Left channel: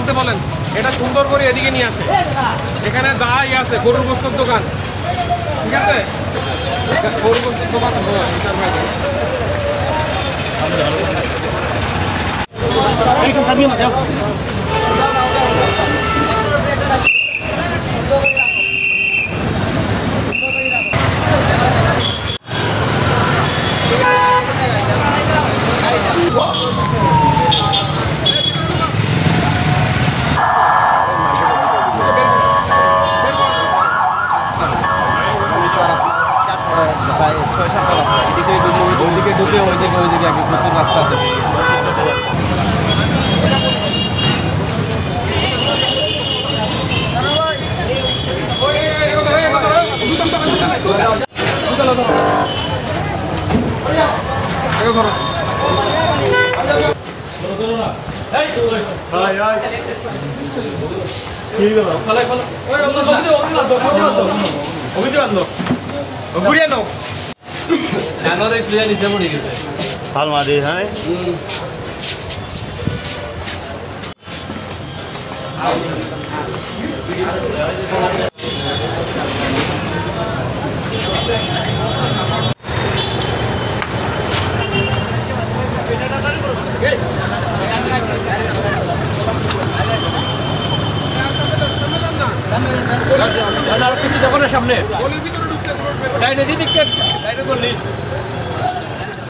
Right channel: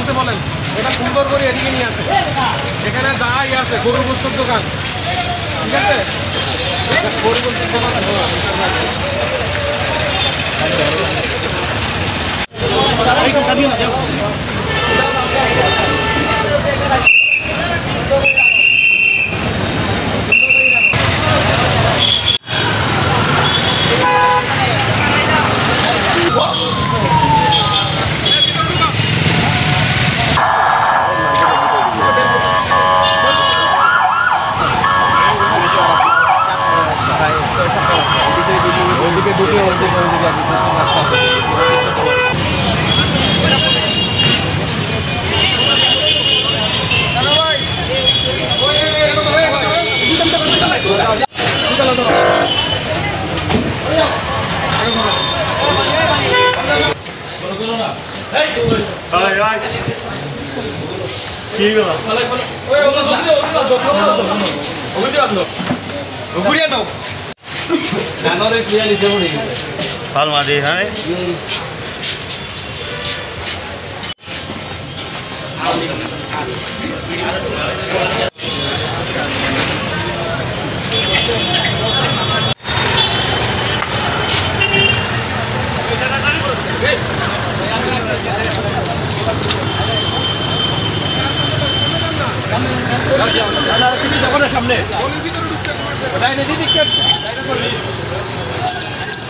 আনতে বলেন, এটা সুন্দর করে এদিকে নিয়ে আসে। এখানে যাই আছে গরুর গোস্তর দোকান, ঠিক আছে? গরুর গোস্তর দোকান ওইদিকে ঢুকে ওইদিকে আগে প্রচুর রাস্তা আছে। ফালমাদি হ্যাঁ সামনে